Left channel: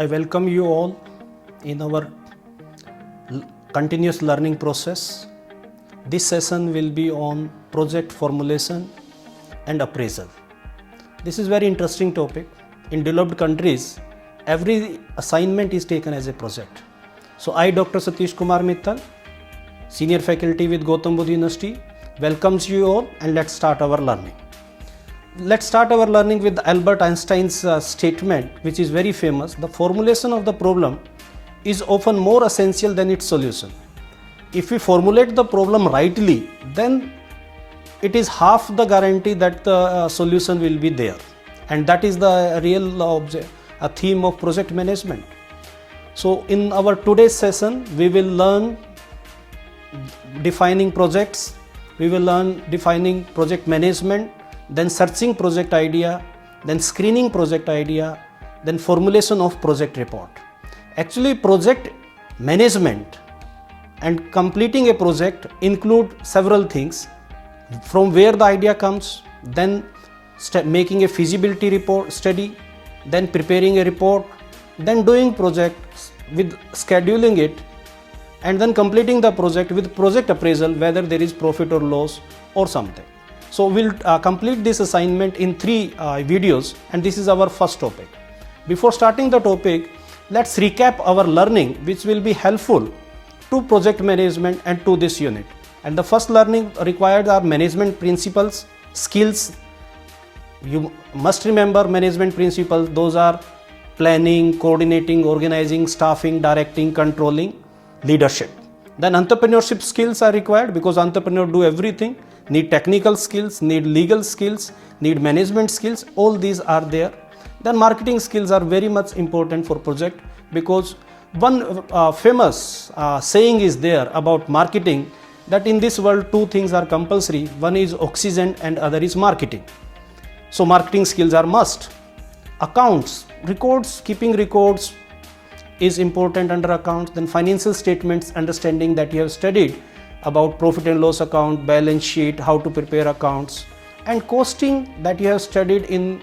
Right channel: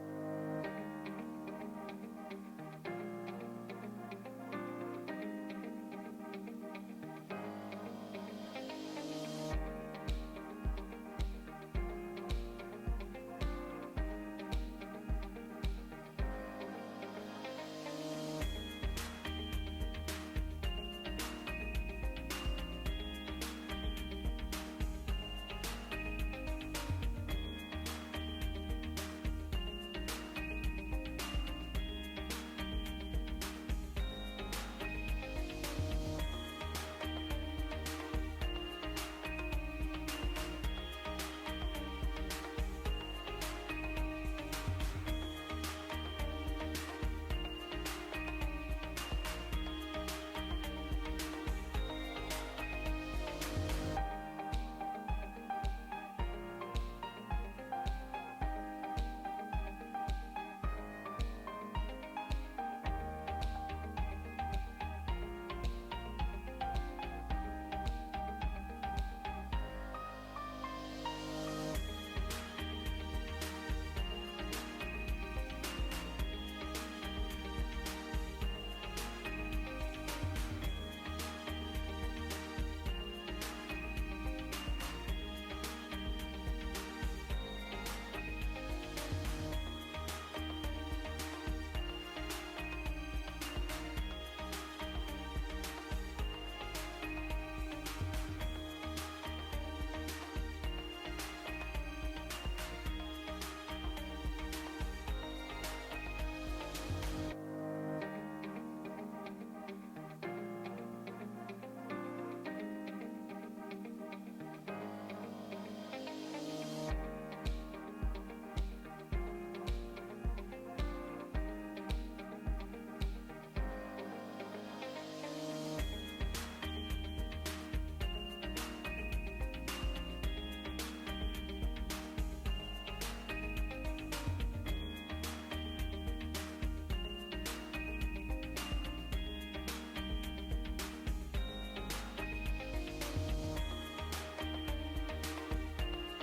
I welcome you all in our continuous learning process. This session will be on project formulation and appraisal. This is very interesting topic. In developed countries, every assignment is taken as a project. So I, Dr. Satish Kumar Mittal, Senior Faculty with Gautam Buddha University, welcomes you all, and let's start our learning. Let's start our learning with Albert Einstein's statement, which is very famous. The formulation of the problem is often more essential than its solution. If we formulate the problem rightly, then it is half the guarantee that the solution will be there. And that is the real theme of project management. So in our today's session, we will learn defining projects, we will learn defining project management, then searching project idea, then screening project idea, then formulation of project report. Actually, project management and completing a project include several things, from where the idea comes, then making a feasibility report study, then preparing a report, then doing projects with scheduling it, and then completing the project with project appraisal, whether there is profit or loss or something. So we'll complete this assignment in 3 videos, and this is our first topic. Before starting the topic, let's recap our learning, which will be helpful to project management and to this unit. And the first learning required are management principles, skills. You must remember management principles. Those are planning, coordinating, organizing, staffing, directing, controlling, leadership. Then entrepreneurship skills are required, because entrepreneurs do everything. Need technical skills, need legal skills, need management skills, all these are there. Then marketing skills are very much important for project, because one famous saying is there about marketing, that in this world 2 things are compulsory, one is oxygen and other is marketing. So marketing skills are must. Accounts, records, keeping records is important under accounts. Then financial statements, understanding that you have studied about profit and loss account, balance sheet, how to prepare accounts, and costing that you have studied in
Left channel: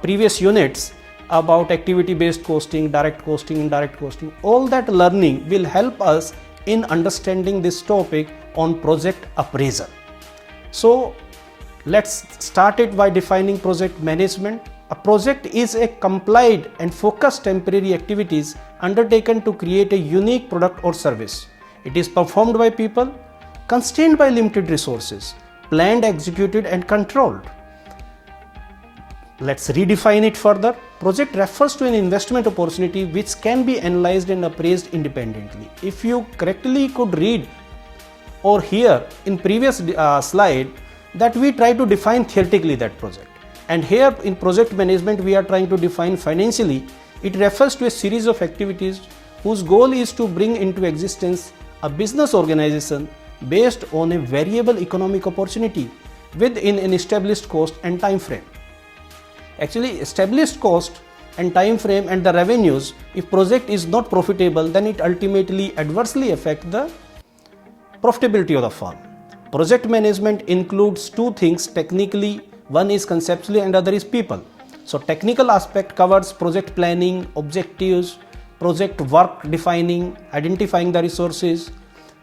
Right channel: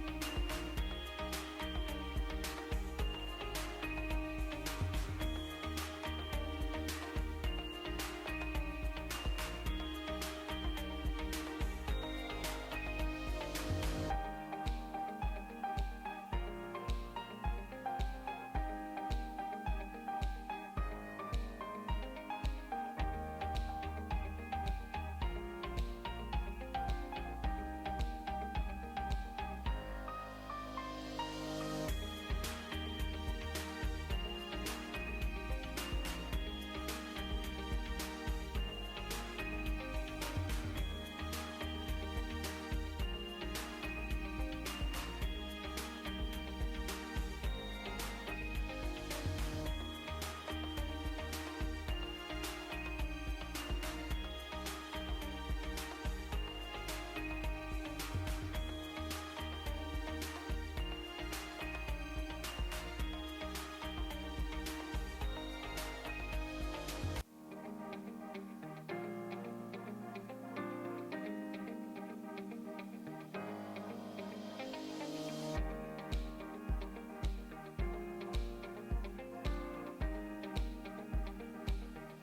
previous units about activity based costing, direct costing, indirect costing. All that learning will help us in understanding this topic on project appraisal. So let's start it by defining project management. A project is a complied and focused temporary activities undertaken to create a unique product or service. It is performed by people, constrained by limited resources, planned, executed, and controlled. Let's redefine it further. Project refers to an investment opportunity which can be analyzed and appraised independently. If you correctly could read or hear in previous slide that we try to define theoretically that project. And here in project management we are trying to define financially. It refers to a series of activities whose goal is to bring into existence a business organization based on a variable economic opportunity within an established cost and time frame. Actually, established cost and time frame and the revenues, if project is not profitable, then it ultimately adversely affects the profitability of the firm. Project management includes 2 things technically, one is conceptually and other is people. So technical aspect covers project planning, objectives, project work defining, identifying the resources,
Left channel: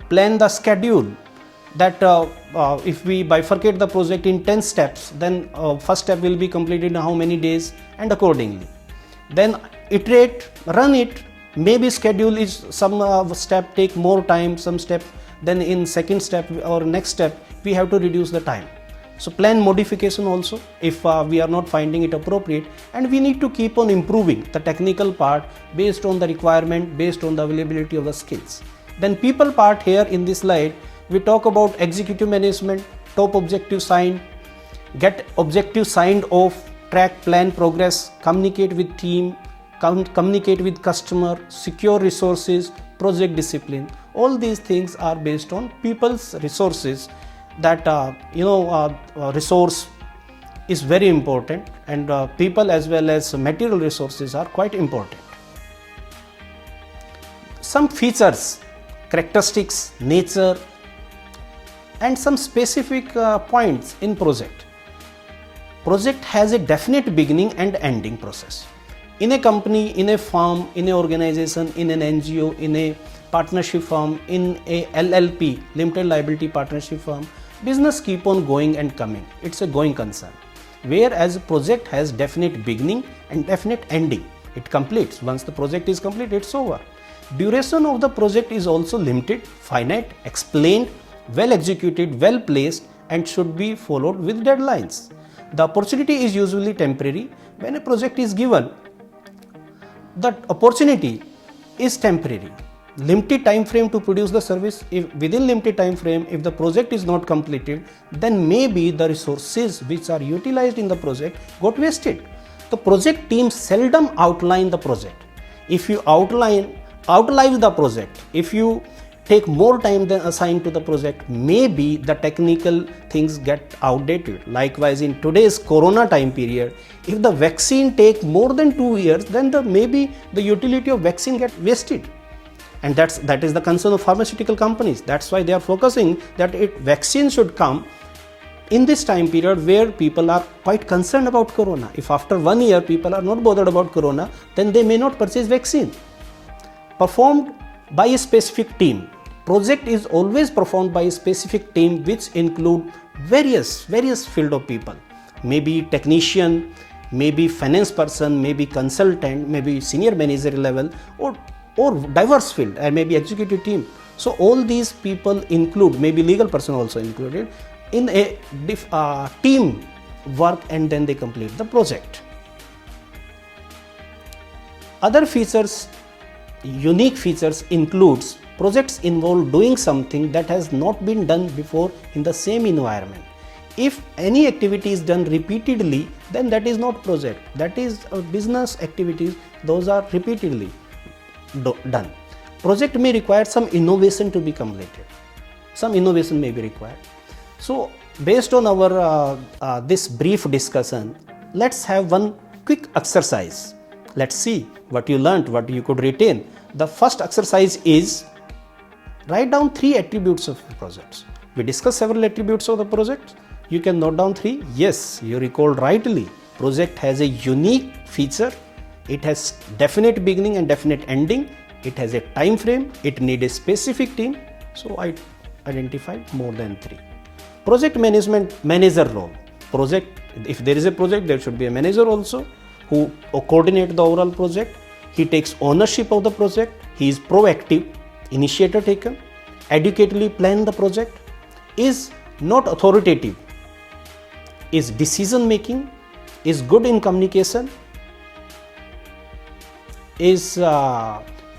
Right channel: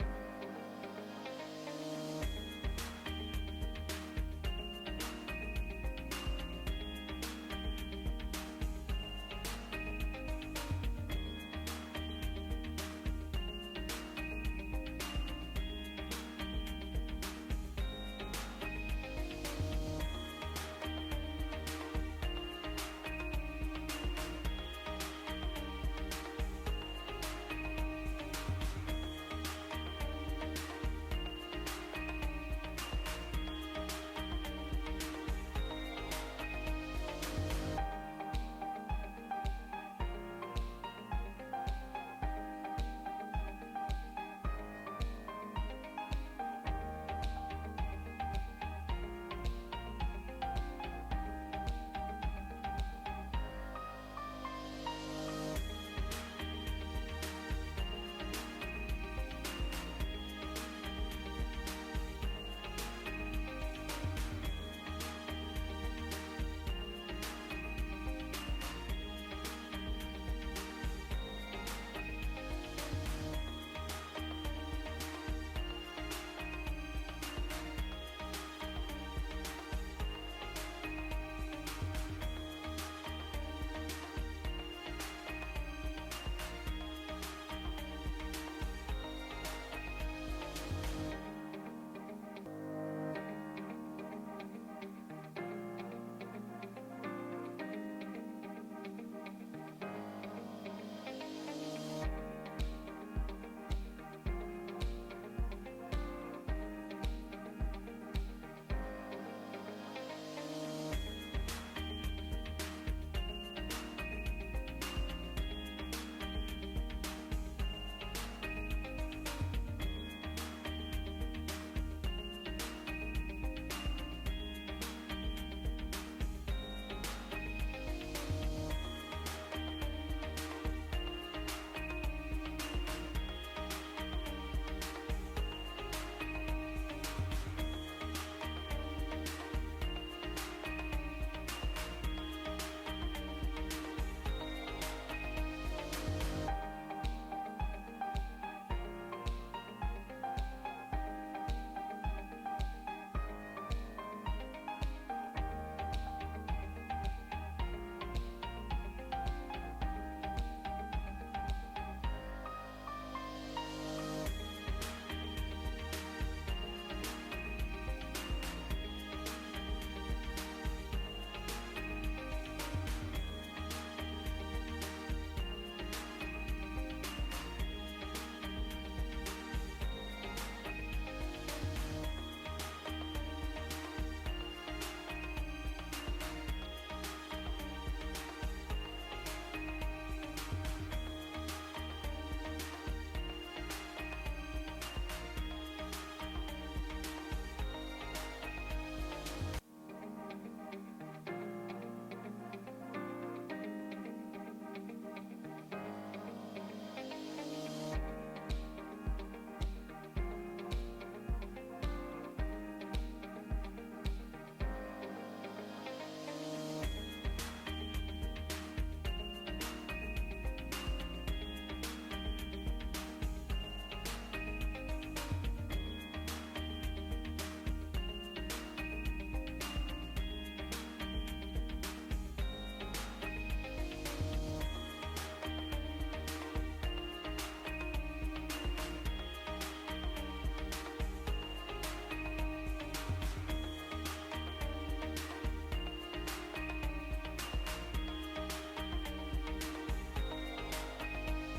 plan the schedule, that if we bifurcate the project in 10 steps, then first step will be completed in how many days and accordingly. Then iterate, run it, maybe schedule is some step take more time, some step, then in second step or next step we have to reduce the time. So plan modification also if we are not finding it appropriate, and we need to keep on improving the technical part based on the requirement, based on the availability of the skills. Then people part, here in this slide we talk about executive management, top objective signed, get objective signed off, track plan progress, communicate with team, communicate with customer, secure resources, project discipline. All these things are based on people's resources. That resource is very important, and people as well as material resources are quite important. Some features, characteristics, nature, and some specific points in project. Project has a definite beginning and ending process. In a company, in a firm, in an organization, in an NGO, in a partnership firm, in a LLP, limited liability partnership firm, business keep on going and coming. It's a going concern. Whereas project has definite beginning and definite ending. It completes. Once the project is complete, it's over. Duration of the project is also limited, finite, explained, well executed, well placed, and should be followed with deadlines. The opportunity is usually temporary. When a project is given, the opportunity is temporary. Limited time frame to produce the service. If within limited time frame, if the project is not completed, then maybe the resources which are utilized in the project got wasted. The project team seldom outline the project. If you outlive the project, if you take more time than assigned to the project, maybe the technical things get outdated. Likewise, in today's corona time period, if the vaccine take more than 2 years, then maybe the utility of vaccine get wasted. And that is the concern of pharmaceutical companies. That's why they are focusing that vaccine should come in this time period where people are quite concerned about corona. If after 1 year people are not bothered about corona, then they may not purchase vaccine. Performed by a specific team. Project is always performed by a specific team which include various field of people. Maybe technician, maybe finance person, maybe consultant, maybe senior manager level, or diverse field, and maybe executive team. So all these people include, maybe legal person also included, in a team work, and then they complete the project. Other features, unique features includes projects involve doing something that has not been done before in the same environment. If any activity is done repeatedly, then that is not project. That is business activities, those are repeatedly done. Project may require some innovation to be completed. Some innovation may be required. So based on our this brief discussion, let's have one quick exercise. Let's see what you learned, what you could retain. The first exercise is write down 3 attributes of projects. We discussed several attributes of the project. You can note down 3. Yes, you recalled rightly. Project has a unique feature. It has definite beginning and definite ending. It has a time frame. It needs a specific team. So I identified more than 3. Project management, manager role. Project, if there is a project, there should be a manager also who coordinate the overall project. He takes ownership of the project. He is proactive, initiator taken, adequately plan the project, is not authoritative, is decision making, is good in communication, is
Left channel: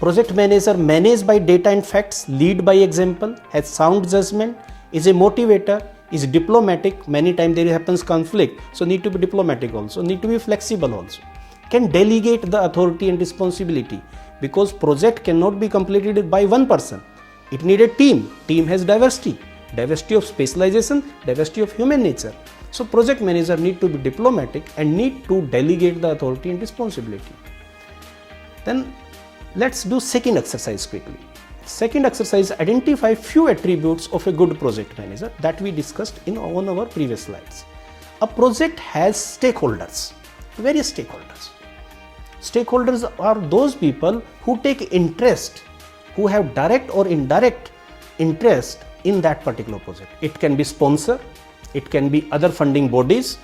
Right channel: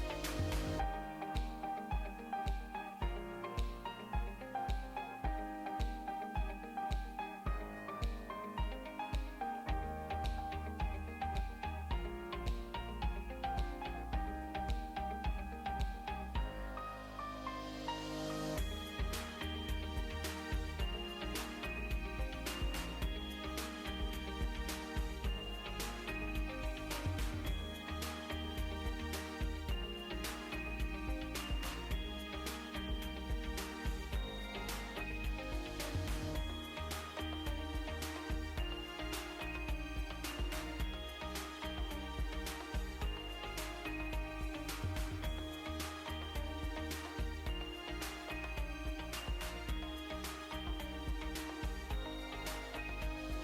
project manager managed by data and facts, lead by example, has sound judgment, is a motivator, is diplomatic. Many times there happens conflict, so need to be diplomatic also, need to be flexible also, can delegate the authority and responsibility, because project cannot be completed by one person. It needs a team. Team has diversity of specialization, diversity of human nature. So project manager need to be diplomatic and need to delegate the authority and responsibility. Then let's do second exercise quickly. Second exercise, identify few attributes of a good project manager that we discussed on our previous slides. A project has stakeholders, various stakeholders. Stakeholders are those people who take interest, who have direct or indirect interest in that particular project. It can be sponsor, it can be other funding bodies,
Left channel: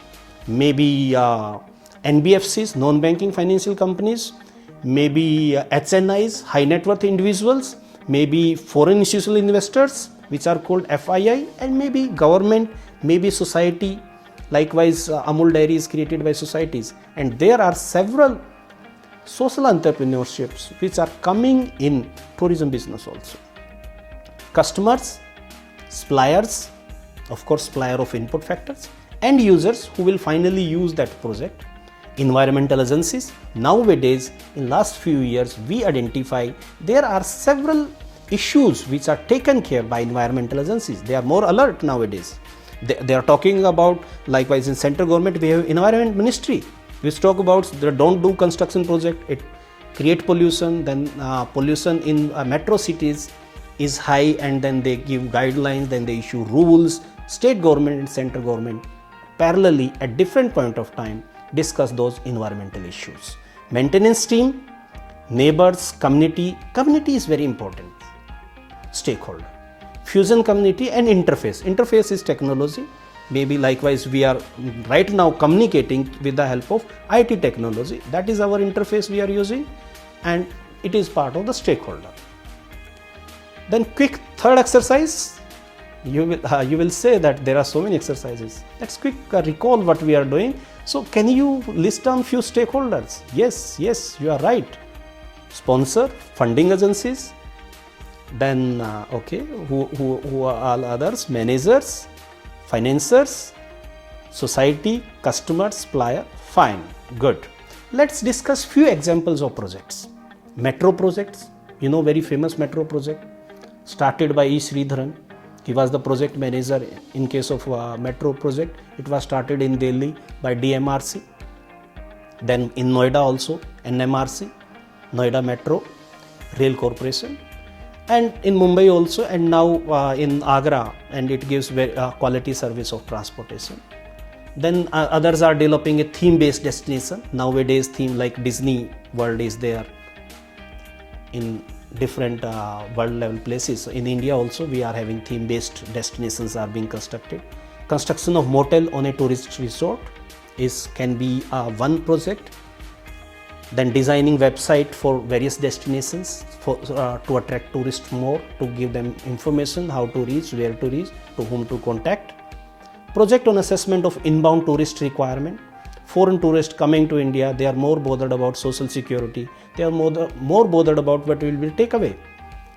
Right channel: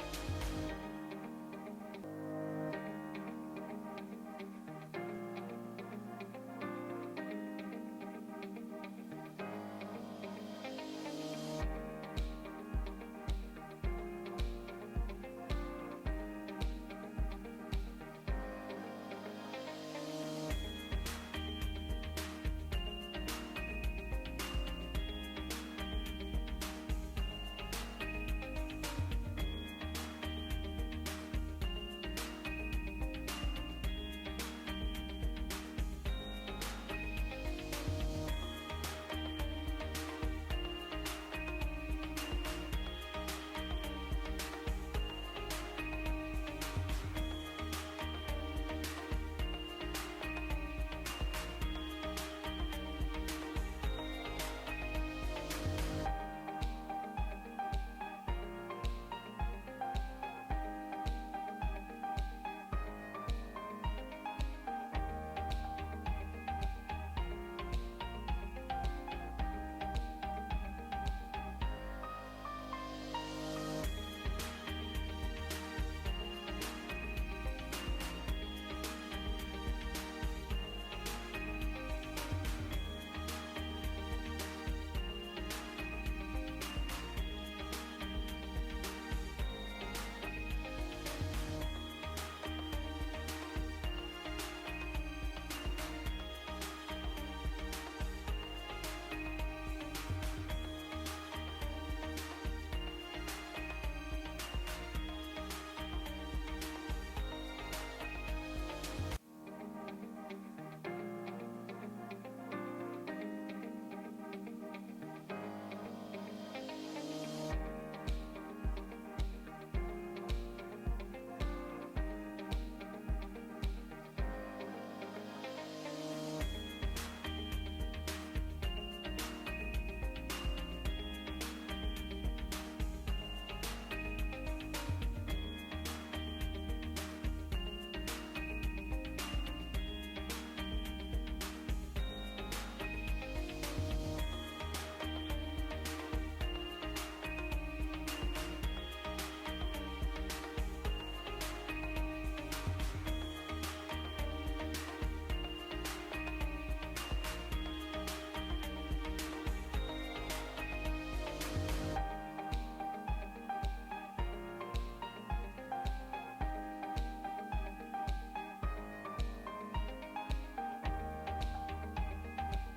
maybe NBFCs, non-banking financial companies, maybe HNIs, high net worth individuals, maybe foreign institutional investors, which are called FII, and maybe government, maybe society. Likewise, Amul Dairy is created by societies, and there are several social entrepreneurships which are coming in tourism business also. Customers, suppliers, of course supplier of input factors, end users who will finally use that project, environmental agencies. Nowadays, in last few years, we identify there are several issues which are taken care by environmental agencies. They are more alert nowadays. They are talking about, likewise in central government, we have environment ministry, which talk about the don't do construction project, it create pollution, then pollution in metro cities is high, and then they give guidelines, then they issue rules. State government and central government parallelly at different point of time discuss those environmental issues. Maintenance team, neighbors, community. Community is very important. Stakeholder. Fusion community and interface. Interface is technology. Maybe likewise we are right now communicating with the help of IT technology. That is our interface we are using, and it is part of the stakeholder. Then quick third exercise. You will say that there are so many exercises. Let's quick recall what we are doing. So can you list down few stakeholders? Yes, you are right. Sponsor, funding agencies, then who are all others? Managers, financiers, society, customers, supplier. Fine, good. Let's discuss few examples of projects. Metro projects, very famous metro project started by E. Sridharan. He was the project manager in case of metro project. It was started in Delhi by DMRC. Then in Noida also, NMRC, Noida Metro Rail Corporation. And in Mumbai also, and now in Agra, and it gives quality service of transportation. Then others are developing a theme-based destination. Nowadays, theme like Disney World is there in different world level places. So in India also, we are having theme-based destinations are being constructed. Construction of motel on a tourist resort can be one project. Then designing website for various destinations to attract tourists more, to give them information how to reach, where to reach, to whom to contact. Project on assessment of inbound tourist requirement. Foreign tourists coming to India, they are more bothered about social security. They are more bothered about what will be takeaway,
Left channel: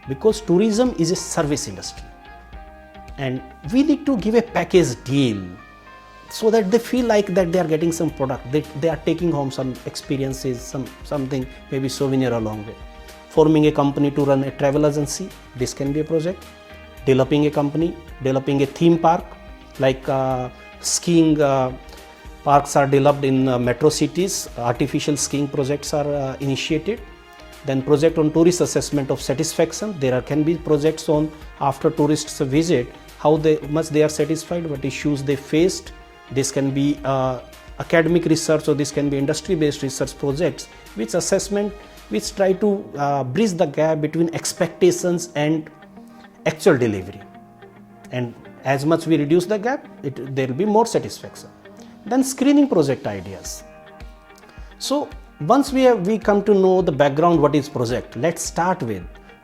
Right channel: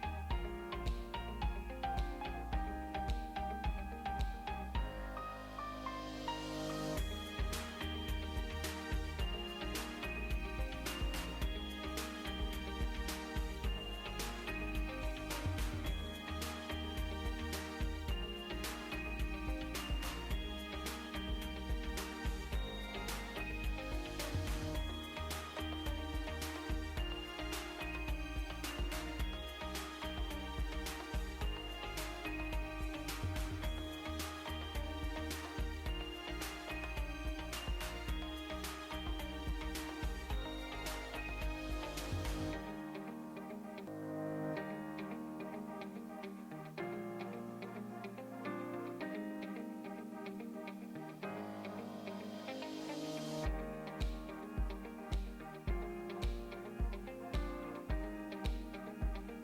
because tourism is a service industry, and we need to give a package deal so that they feel like that they are getting some product, they are taking home some experiences, something, maybe souvenir along with. Forming a company to run a travel agency, this can be a project. Developing a company, developing a theme park, like skiing parks are developed in metro cities, artificial skiing projects are initiated. Then project on tourist assessment of satisfaction. There can be projects on after tourists visit, how much they are satisfied, what issues they faced. This can be academic research, or this can be industry-based research projects, which try to bridge the gap between expectations and actual delivery. And as much we reduce the gap, there will be more satisfaction. Then screening project ideas. So once we come to know the background, what is project, let's start with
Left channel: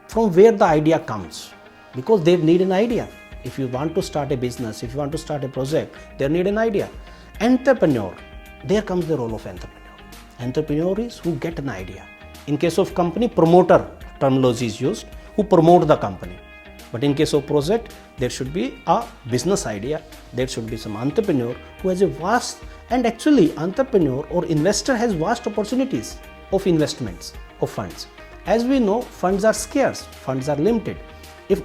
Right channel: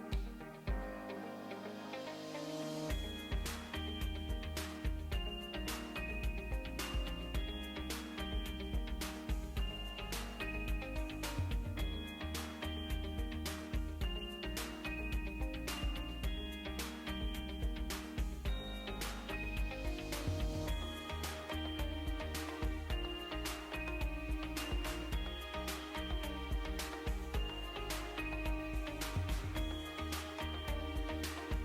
from where the idea comes, because they need an idea. If you want to start a business, if you want to start a project, they need an idea. Entrepreneur, there comes the role of entrepreneur. Entrepreneur is who get an idea. In case of company, promoter terminology is used, who promote the company. But in case of project, there should be a business idea. There should be some entrepreneur who has a vast, and actually entrepreneur or investor has vast opportunities of investments, of funds. As we know, funds are scarce, funds are limited. If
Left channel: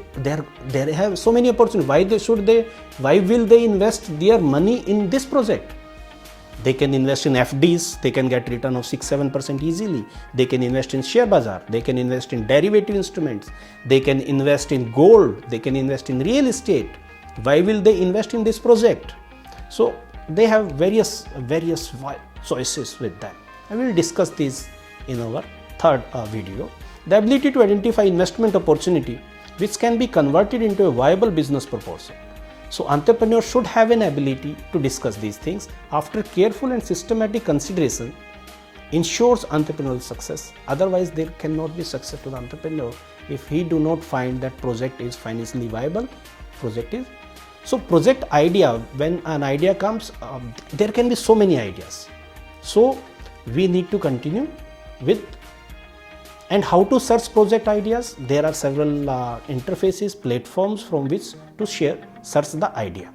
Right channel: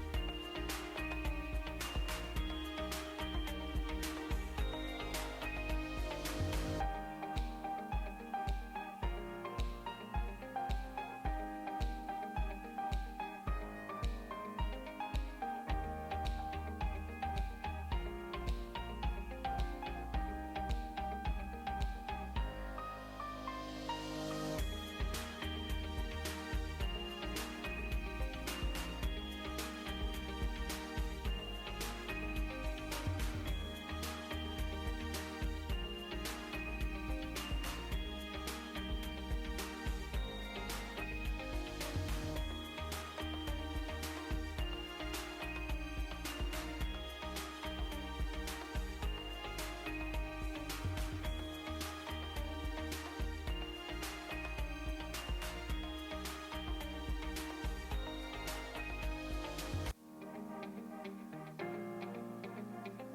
they have so many opportunities, why will they invest their money in this project? They can invest in FDs, they can get return of 6-7% easily. They can invest in share bazaar, they can invest in derivative instruments, they can invest in gold, they can invest in real estate. Why will they invest in this project? So they have various choices with that. I will discuss this in our third video. The ability to identify investment opportunity which can be converted into a viable business proposal. So entrepreneurs should have an ability to discuss these things. After careful and systematic consideration, ensures entrepreneurial success. Otherwise, there cannot be success to the entrepreneur if he do not find that project is financially viable. So project idea, when an idea comes, there can be so many ideas. So we need to continue with. And how to search project ideas? There are several interfaces, platforms from which to search the idea.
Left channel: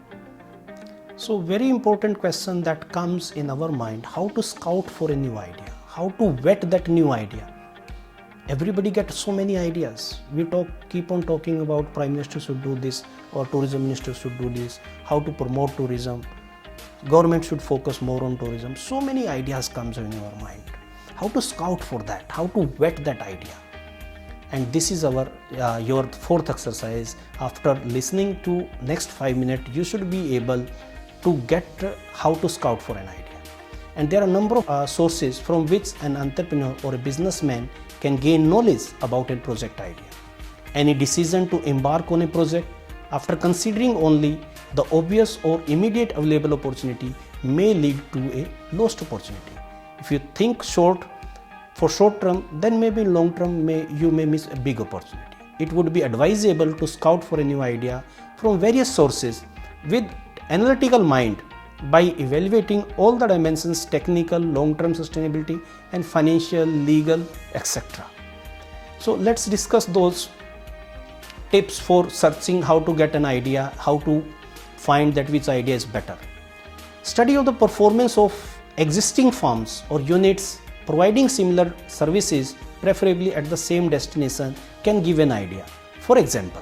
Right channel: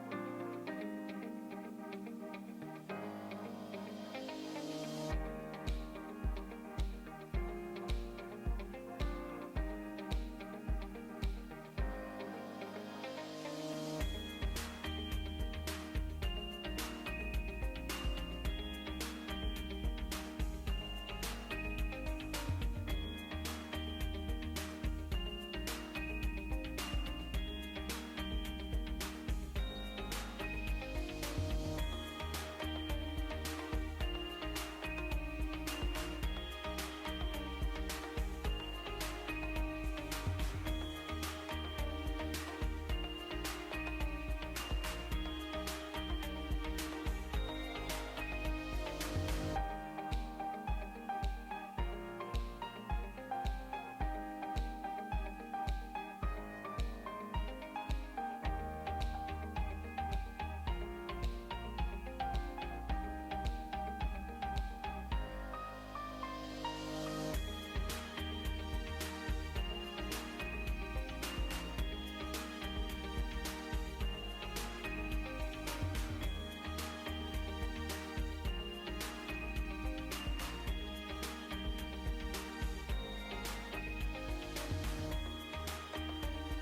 So very important question that comes in our mind, how to scout for a new idea, how to vet that new idea. Everybody gets so many ideas. We keep on talking about Prime Minister should do this, or Tourism Minister should do this, how to promote tourism, government should focus more on tourism. So many ideas comes in our mind. How to scout for that, how to vet that idea. And this is your fourth exercise. After listening to next 5 minutes, you should be able to get how to scout for an idea. And there are a number of sources from which an entrepreneur or a businessman can gain knowledge about a project idea. Any decision to embark on a project after considering only the obvious or immediate available opportunity may lead to a lost opportunity. If you think short term, then maybe long term you may miss a big opportunity. It would be advisable to scout for a new idea from various sources with analytical mind by evaluating all the dimensions: technical, long-term sustainability, and financial, legal, etc. So let's discuss those tips for searching how to get an idea, how to find that which idea is better. Study of the performance of existing firms or units providing similar services, preferably at the same destination, can give an idea. For example,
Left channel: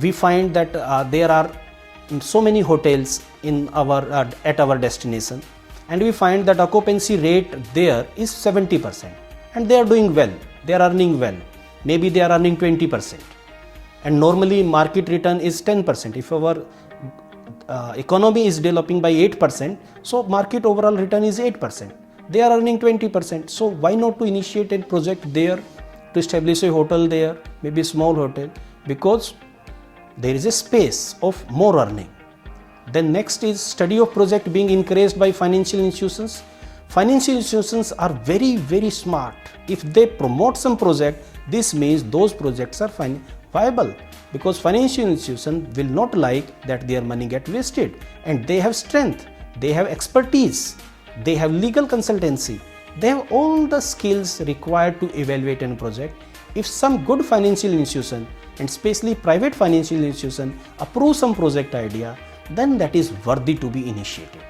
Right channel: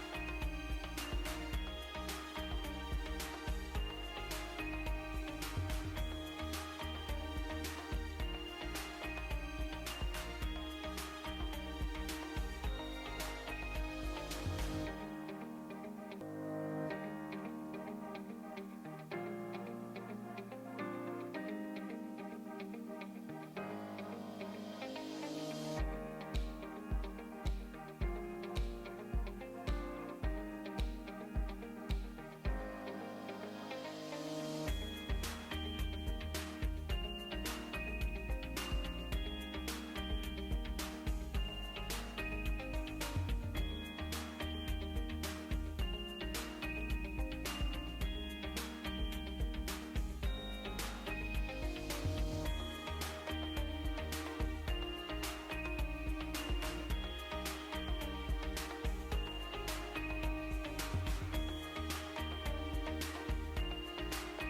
we find that there are so many hotels in at our destination, and we find that occupancy rate there is 70%, and they are doing well, they are earning well, maybe they are earning 20%, and normally market return is 10%. If our economy is developing by 8%, so market overall return is 8%. They are earning 20%. So why not to initiate a project there, to establish a hotel there, maybe a small hotel, because there is a space of more earning. Then next is study of project being encouraged by financial institutions. Financial institutions are very, very smart. If they promote some project, this means those projects are viable, because financial institutions will not like that their money get wasted, and they have strength, they have expertise, they have legal consultancy, they have all the skills required to evaluate a project. If some good financial institution, and especially private financial institution, approve some project idea, then that is worthy to be initiated.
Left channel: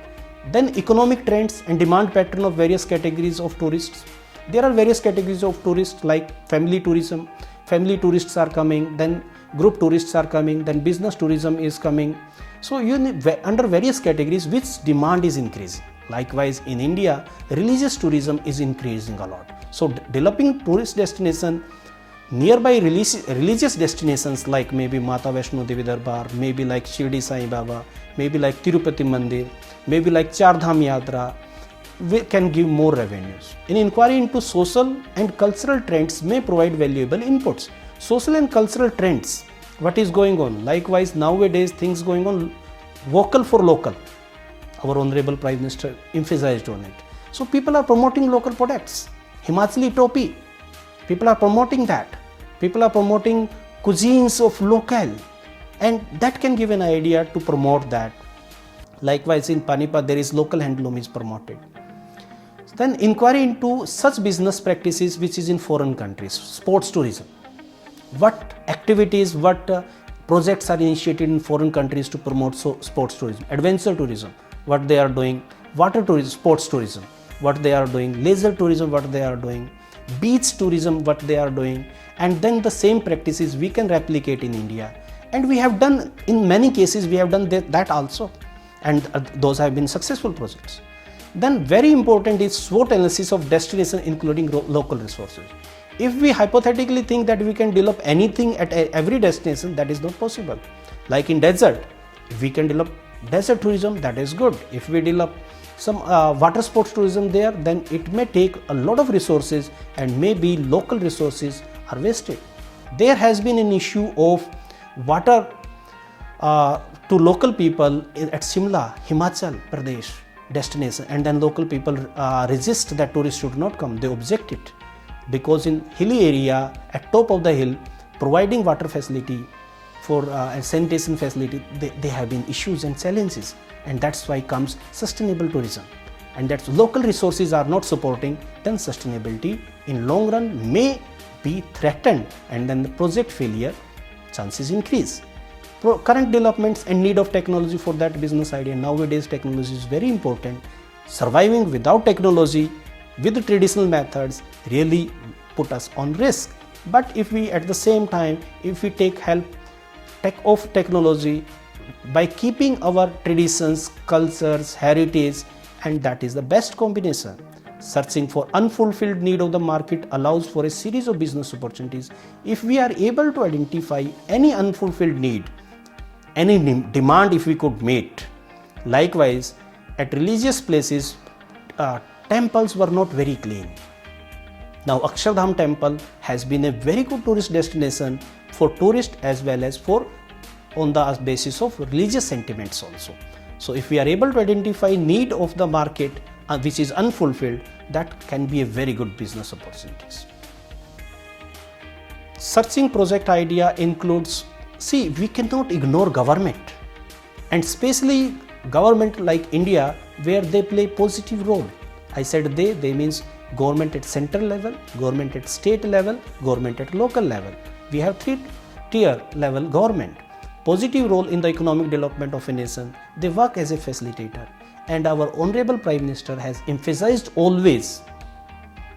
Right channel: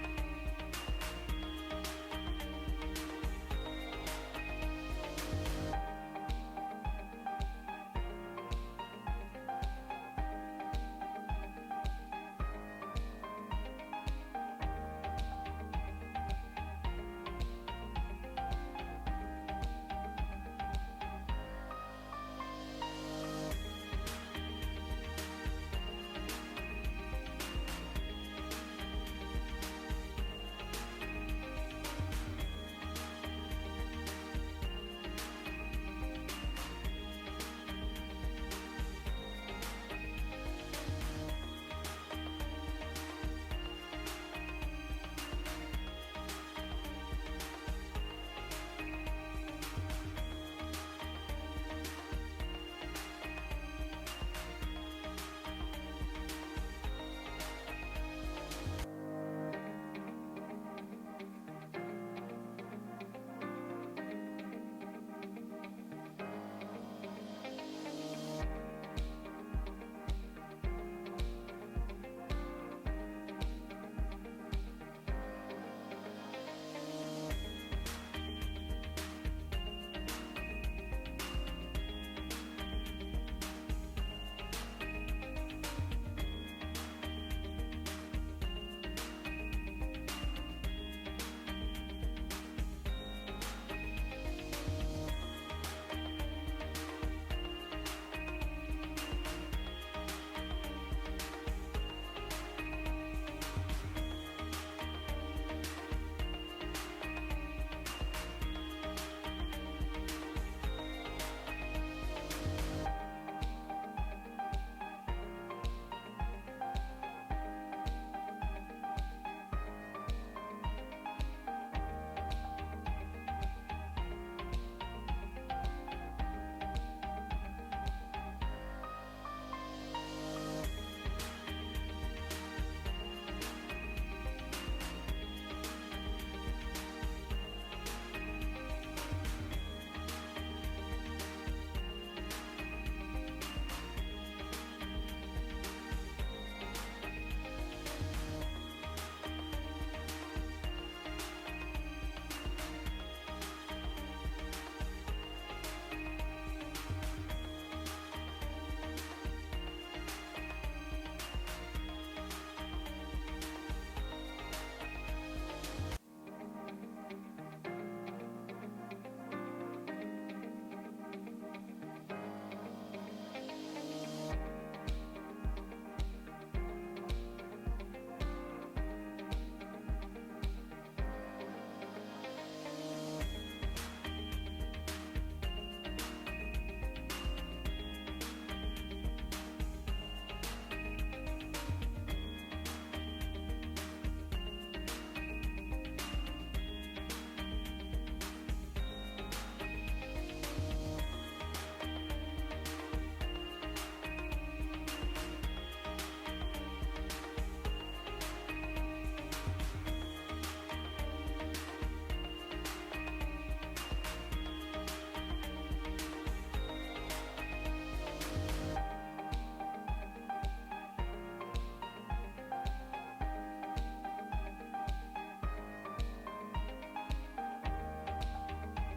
Then economic trends and demand pattern of various categories of tourists. There are various categories of tourists like family tourism. Family tourists are coming, then group tourists are coming, then business tourism is coming. So you need, under various categories, which demand is increasing. Likewise, in India, religious tourism is increasing a lot. So developing tourist destination nearby religious destinations like maybe Mata Vaishno Devi Darbar, maybe like Shirdi Sai Baba, maybe like Tirupati Mandir, maybe like Char Dham Yatra, we can give more revenues. An inquiry into social and cultural trends may provide valuable inputs. Social and cultural trends, what is going on? Likewise, nowadays things going on, vocal for local. Our Honorable Prime Minister emphasized on it. So people are promoting local products. Himachali topi, people are promoting that. People are promoting cuisines of local, and that can give an idea to promote that. Likewise, in Panipat, there is local handloom is promoted. Then inquiry into such business practices which is in foreign countries. Sports tourism. What activities, what projects are initiated in foreign countries to promote sports tourism. Adventure tourism, what they are doing. Water tourism, sports tourism, what they are doing. Leisure tourism, what they are doing. Beach tourism, what they are doing. And then the same practices we can replicate in India. And we have done, in many cases, we have done that also. And those have been successful projects. Then very important is SWOT analysis of destination, including local resources. If we hypothetically think that we can develop anything at every destination, that is not possible. Like in desert, if we can develop desert tourism, that is good. If we develop some water sports tourism there, then it may take a lot of resources, and maybe local resources are wasted. There has been an issue of water to local people at Shimla, Himachal Pradesh destination, and then local people resist that tourists should not come. They object it, because in hilly area, at top of the hill, providing water facility for a sanitation facility, they have been issues and challenges, and that's why comes sustainable tourism. And that local resources are not supporting, then sustainability in long run may be threatened, and then the project failure chances increase. Current developments and need of technology for that business idea. Nowadays technology is very important. Surviving without technology with the traditional methods really put us on risk. But if we at the same time, if we take help of technology by keeping our traditions, cultures, heritage, and that is the best combination. Searching for unfulfilled need of the market allows for a series of business opportunities. If we are able to identify any unfulfilled need, any demand if we could meet. Likewise, at religious places, temples were not very clean. Now Akshardham temple has been a very good tourist destination for tourists as well as for on the basis of religious sentiments also. So if we are able to identify need of the market which is unfulfilled, that can be a very good business opportunities. Searching project idea includes, see, we cannot ignore government, and especially government like India where they play positive role. I said they means government at central level, government at state level, government at local level. We have 3-tier level government. Positive role in the economic development of a nation. They work as a facilitator, and our Honorable Prime Minister has emphasized always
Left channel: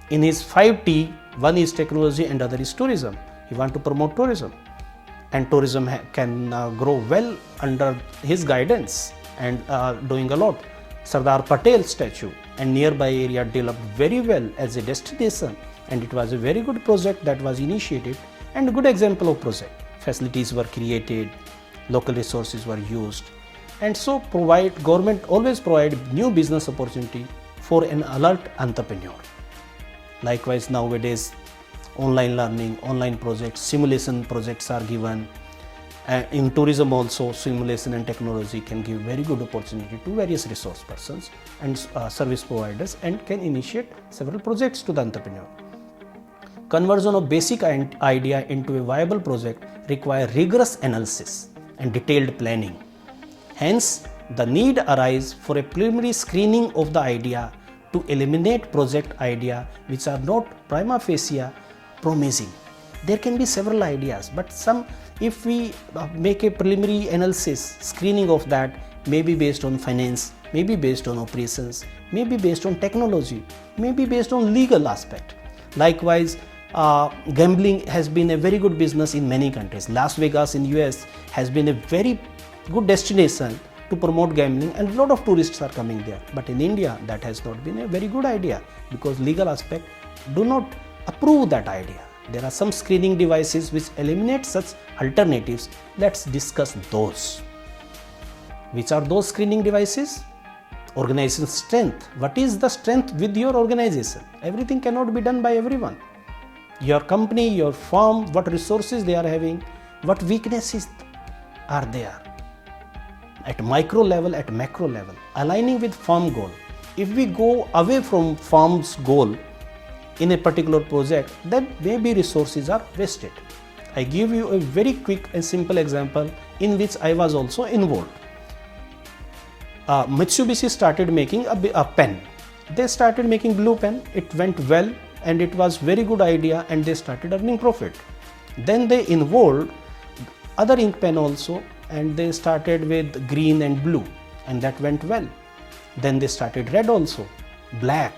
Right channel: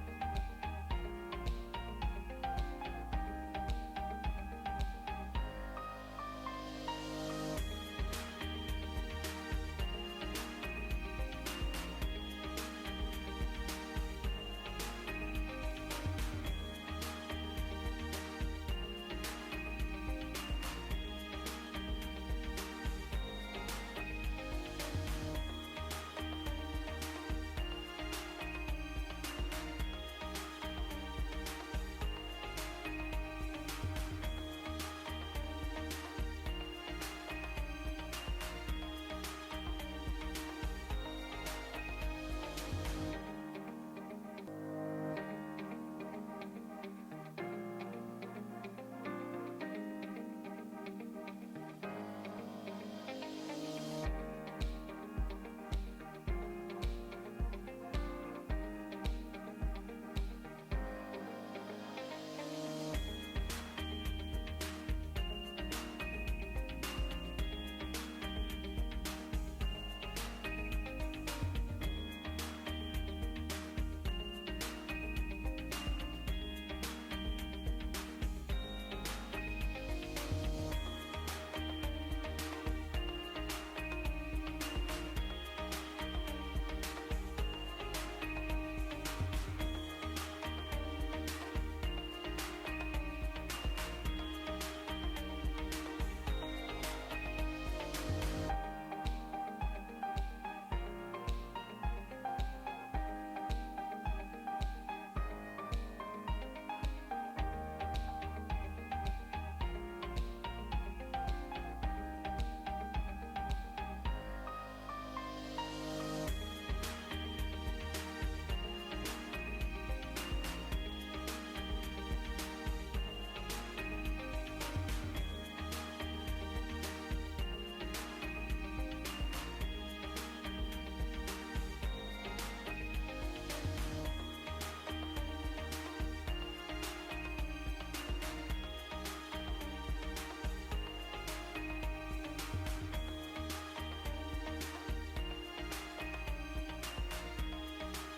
in his 5T, one is technology and other is tourism. He wants to promote tourism, and tourism can grow well under his guidance and doing a lot. Sardar Patel statue and nearby area developed very well as a destination, and it was a very good project that was initiated and a good example of project. Facilities were created, local resources were used, and so government always provide new business opportunity for an alert entrepreneur. Likewise, nowadays online learning, online projects, simulation projects are given. In tourism also, simulation and technology can give very good opportunity to various resource persons and service providers, and can initiate several projects to the entrepreneur. Conversion of basic idea into a viable project require rigorous analysis and detailed planning. Hence, the need arises for a preliminary screening of the idea to eliminate project idea which are not prima facie promising. There can be several ideas, but if we make a preliminary analysis, screening of that, maybe based on finance, maybe based on operations, maybe based on technology, maybe based on legal aspect. Likewise, gambling has been a very good business in many countries. Las Vegas in US has been a very good destination to promote gambling, and a lot of tourists are coming there. But in India, that has not been a very good idea because legal aspect do not approve that idea. There are some screening devices which eliminate such alternatives. Let's discuss those. Which are those screening devices? Organization strength. What is the strength with your organization? Everything cannot be done by everyone. Your company, your firm, what resources they are having, what weaknesses are there. At micro level, at macro level, aligning with firm goal. If we go away from firm's goal in a particular project, then maybe resources are wasted. I give you a very quick and simple example in which I was also involved. Mitsubishi started making a pen. They started making blue pen. It went well and it was very good idea, and they started earning profit. Then they involved other ink pen also, and they started with green and blue, and that went well. Then they started red also, black.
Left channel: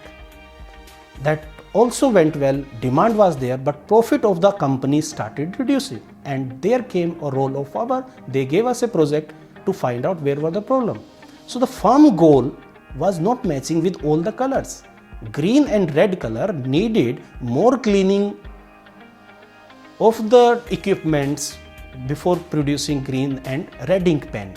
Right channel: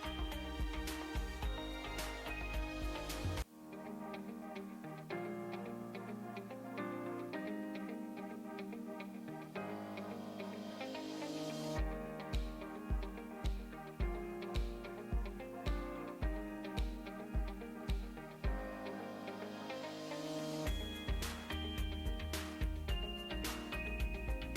That also went well, demand was there, but profit of the company started reducing, and there came a role of farmer. They gave us a project to find out where were the problem. So the farm goal was not matching with all the colors. Green and red color needed more cleaning of the equipments before producing green and red ink pen.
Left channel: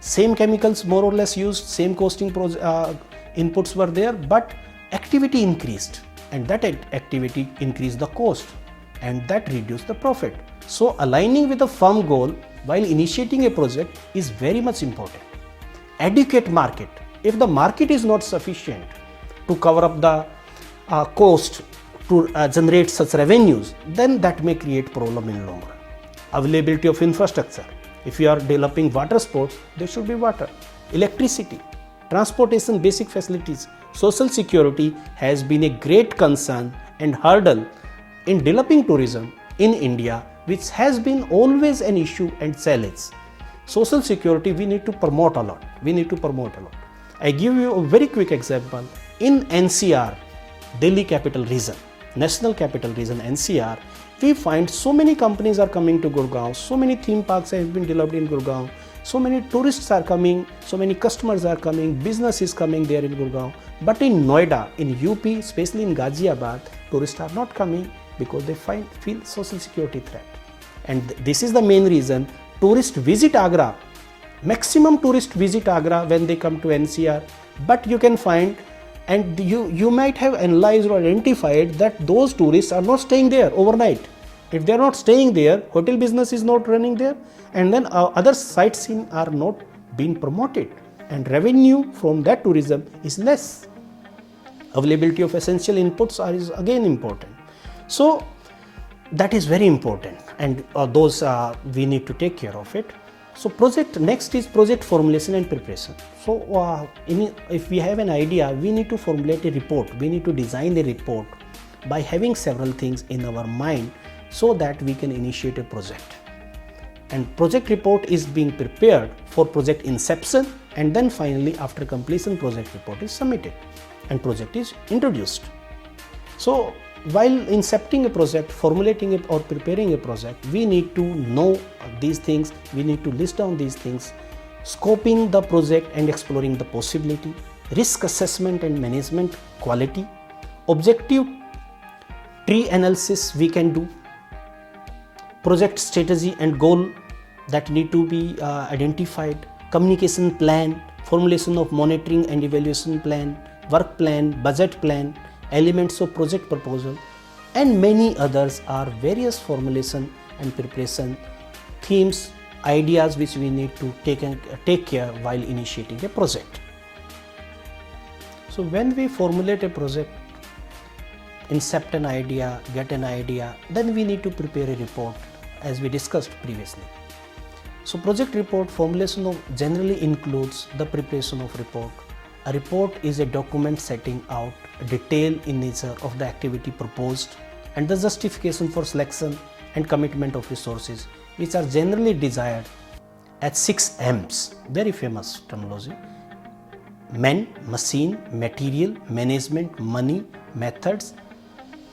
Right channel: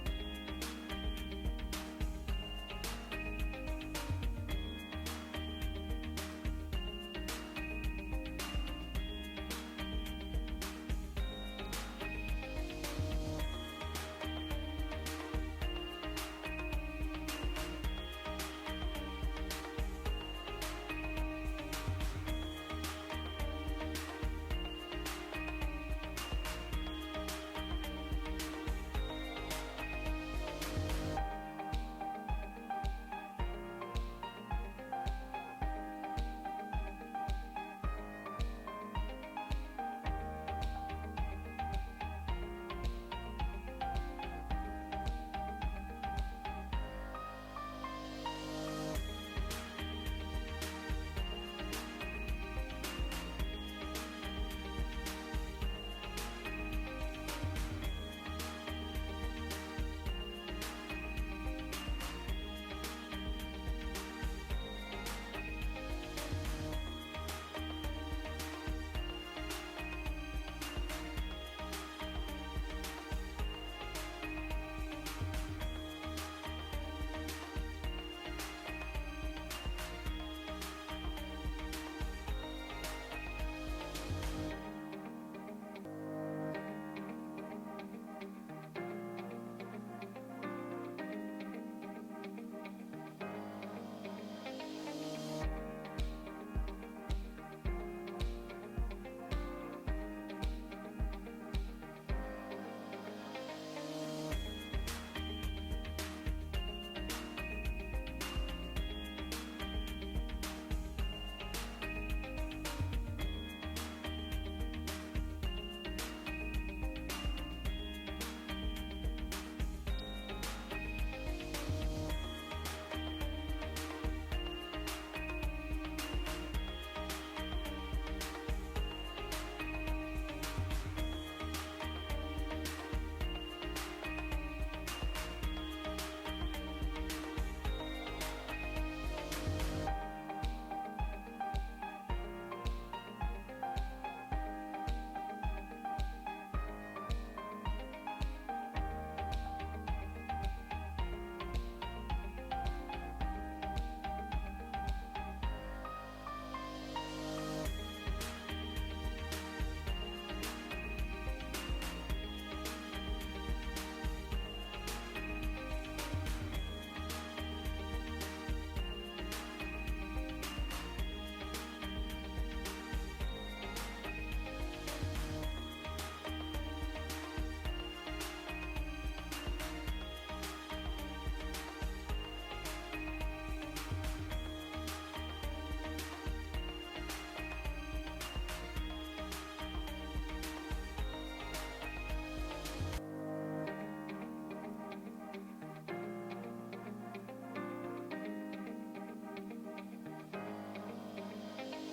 Same chemicals more or less used, same costing inputs were there, but activity increased, and that activity increased the cost, and that reduced the profit. So aligning with the firm goal while initiating a project is very much important. Educate market. If the market is not sufficient to cover up the cost to generate such revenues, then that may create problem in long run. Availability of infrastructure. If you are developing water sports, there should be water, electricity, transportation, basic facilities. Social security has been a great concern and hurdle in developing tourism in India, which has been always an issue and challenge. Social security we need to promote a lot. I give you a very quick example. In NCR, Delhi Capital Region, National Capital Region NCR, we find so many companies are coming to Gurgaon, so many theme parks have been developed in Gurgaon, so many tourists are coming, so many customers are coming, business is coming there in Gurgaon. But in Noida, in UP, especially in Ghaziabad, tourists are not coming because they feel social security threat. And this is the main reason tourists visit Agra. Maximum tourists visit Agra when they come to NCR, but you can find and you might have analyzed or identified that those tourists are not staying there overnight. If they are not staying there, hotel business is not running there, and then other sightseeing are not being promoted, and revenue from that tourism is less. Availability of essential inputs is again important. So that is very important, and those we need to take care of it. So next is project formulation and preparation. So if we have an idea, we need to formulate a report, we need to design a report by having several things in our mind so that we can initiate a project. And project report is being prepared for project inception, and then finally after completion project report is submitted and project is introduced. So while incepting a project, formulating it or preparing a project, we need to know these things, we need to list down these things, scoping the project and exploring the possibility, risk assessment and management quality, objective tree analysis we can do, project strategy and goal that need to be identified, communication plan, formulation of monitoring and evaluation plan, work plan, budget plan, elements of project proposal, and many others are various formulation and preparation themes, ideas which we need to take care while initiating a project. So when we formulate a project, incept an idea, get an idea, then we need to prepare a report as we discussed previously. So project report formulation generally includes the preparation of report. A report is a document setting out a detail in nature of the activity proposed and the justification for selection and commitment of resources, which are generally desired at 6 M's, very famous terminology: men, machine, material, management, money, methods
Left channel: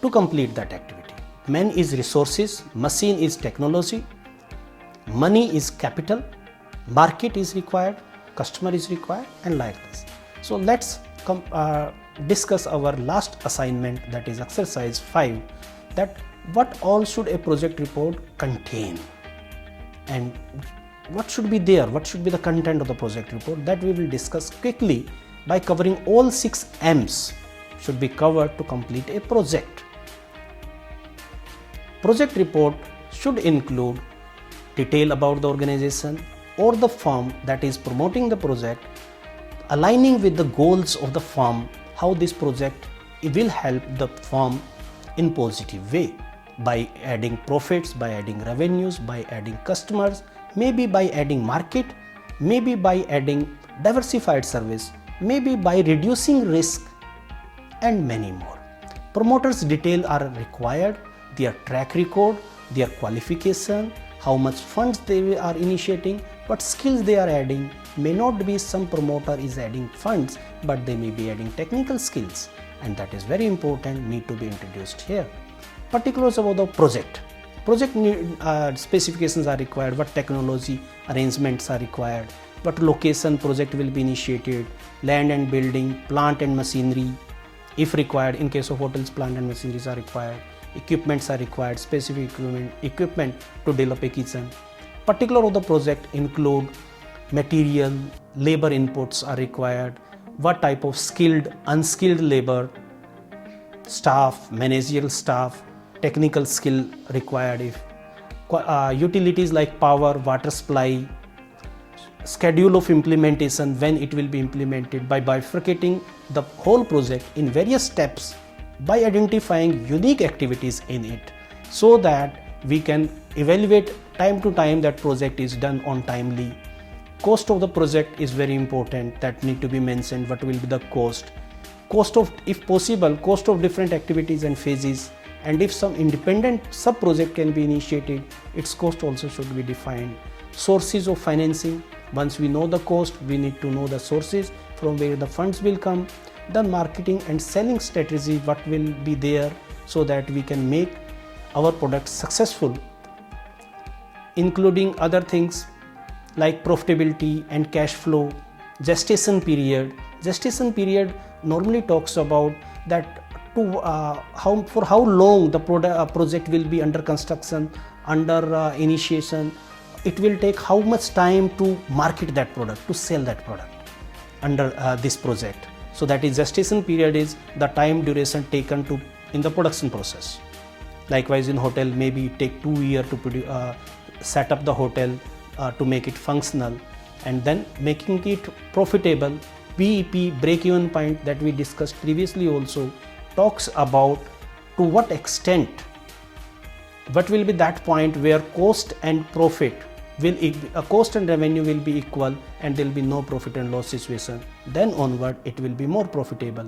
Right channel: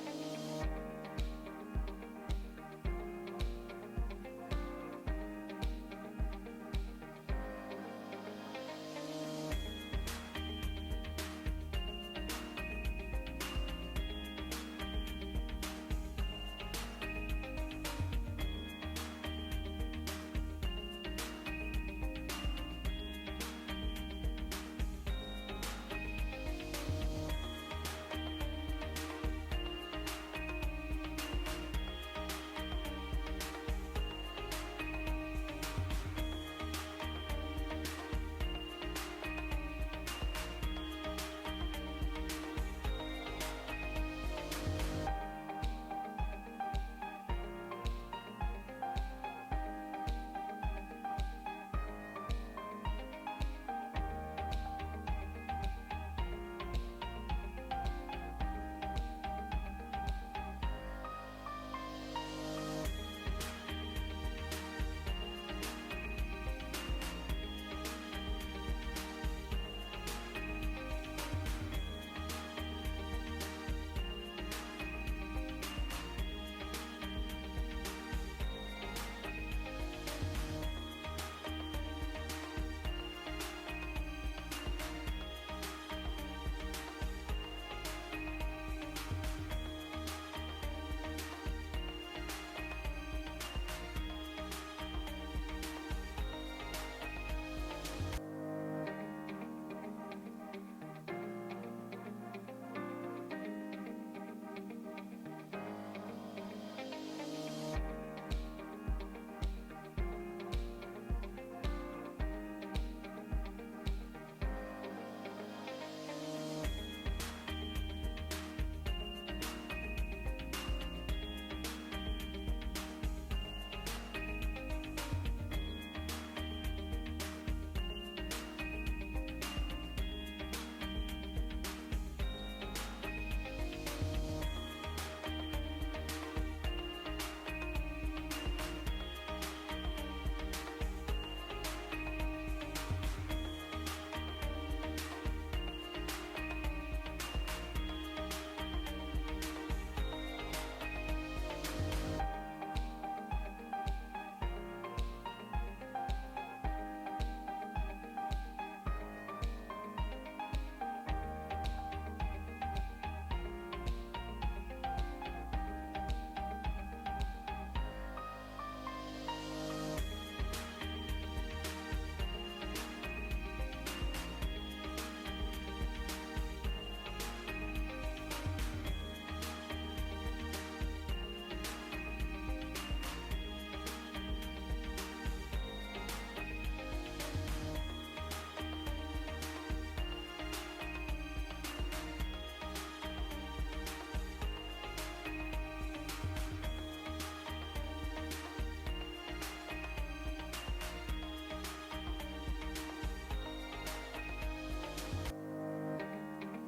to complete that activity. Men is resources, machine is technology, money is capital, market is required, customer is required, and like this. So let's discuss our last assignment, that is exercise 5, that what all should a project report contain and what should be there, what should be the content of the project report. That we will discuss quickly by covering all 6 M's should be covered to complete a project. Project report should include detail about the organization or the firm that is promoting the project, aligning with the goals of the firm, how this project will help the firm in positive way by adding profits, by adding revenues, by adding customers, maybe by adding market, maybe by adding diversified service, maybe by reducing risk, and many more. Promoters' detail are required, their track record, their qualification, how much funds they are initiating, what skills they are adding. May not be some promoter is adding funds, but they may be adding technical skills, and that is very important, need to be introduced here. Particulars about the project. Project specifications are required, what technology arrangements are required, what location project will be initiated, land and building, plant and machinery, if required. In case of hotels, plant and machineries are required, equipments are required, specific equipment to develop a kitchen. Particular of the project include material, labor inputs are required, what type of skilled, unskilled labor, staff, managerial staff, technical skill required, if utilities like power, water supply, schedule of implementation, when it will be implemented, by bifurcating the whole project in various steps, by identifying unique activities in it, so that we can evaluate time to time that project is done on timely. Cost of the project is very important, that need to be mentioned, what will be the cost of, if possible, cost of different activities and phases, and if some independent sub project can be initiated, its cost also should be defined. Sources of financing, once we know the cost, we need to know the sources from where the funds will come. The marketing and selling strategy, what will be there, so that we can make our products successful, including other things like profitability and cash flow. Gestation period. Gestation period normally talks about that for how long the project will be under construction, under initiation. It will take how much time to market that product, to sell that product under this project. So that is gestation period is the time duration taken to in the production process. Likewise in hotel, maybe it take 2 years to set up the hotel, to make it functional, and then making it profitable. BEP, break-even point, that we discussed previously also talks about to what extent, what will be that point where cost and profit will, cost and revenue will be equal and there will be no profit and loss situation. Then onward it will be more profitable.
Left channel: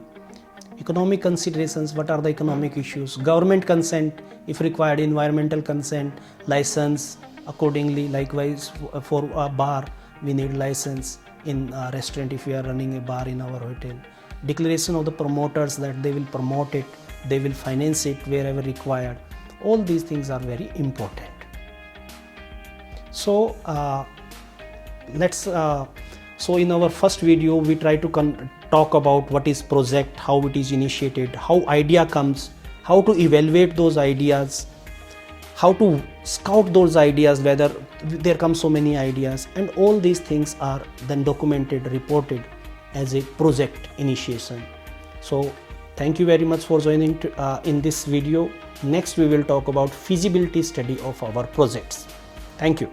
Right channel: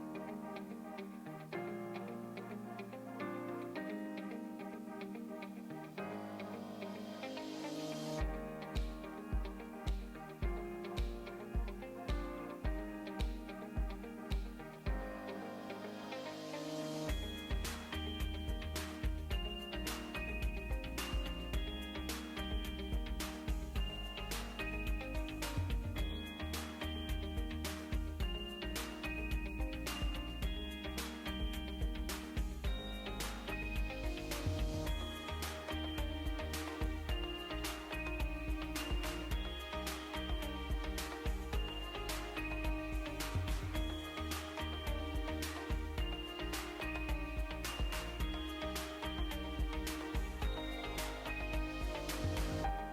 Economic considerations, what are the economic issues? Government consent, if required, environmental consent, license accordingly. Likewise for a bar we need license, in a restaurant if we are running a bar in our hotel. Declaration of the promoters that they will promote it, they will finance it wherever required. All these things are very important. So so in our first video we try to talk about what is project, how it is initiated, how idea comes, how to evaluate those ideas, how to scout those ideas, whether there come so many ideas, and all these things are then documented, reported as a project initiation. So thank you very much for joining in this video. Next we will talk about feasibility study of our projects. Thank you.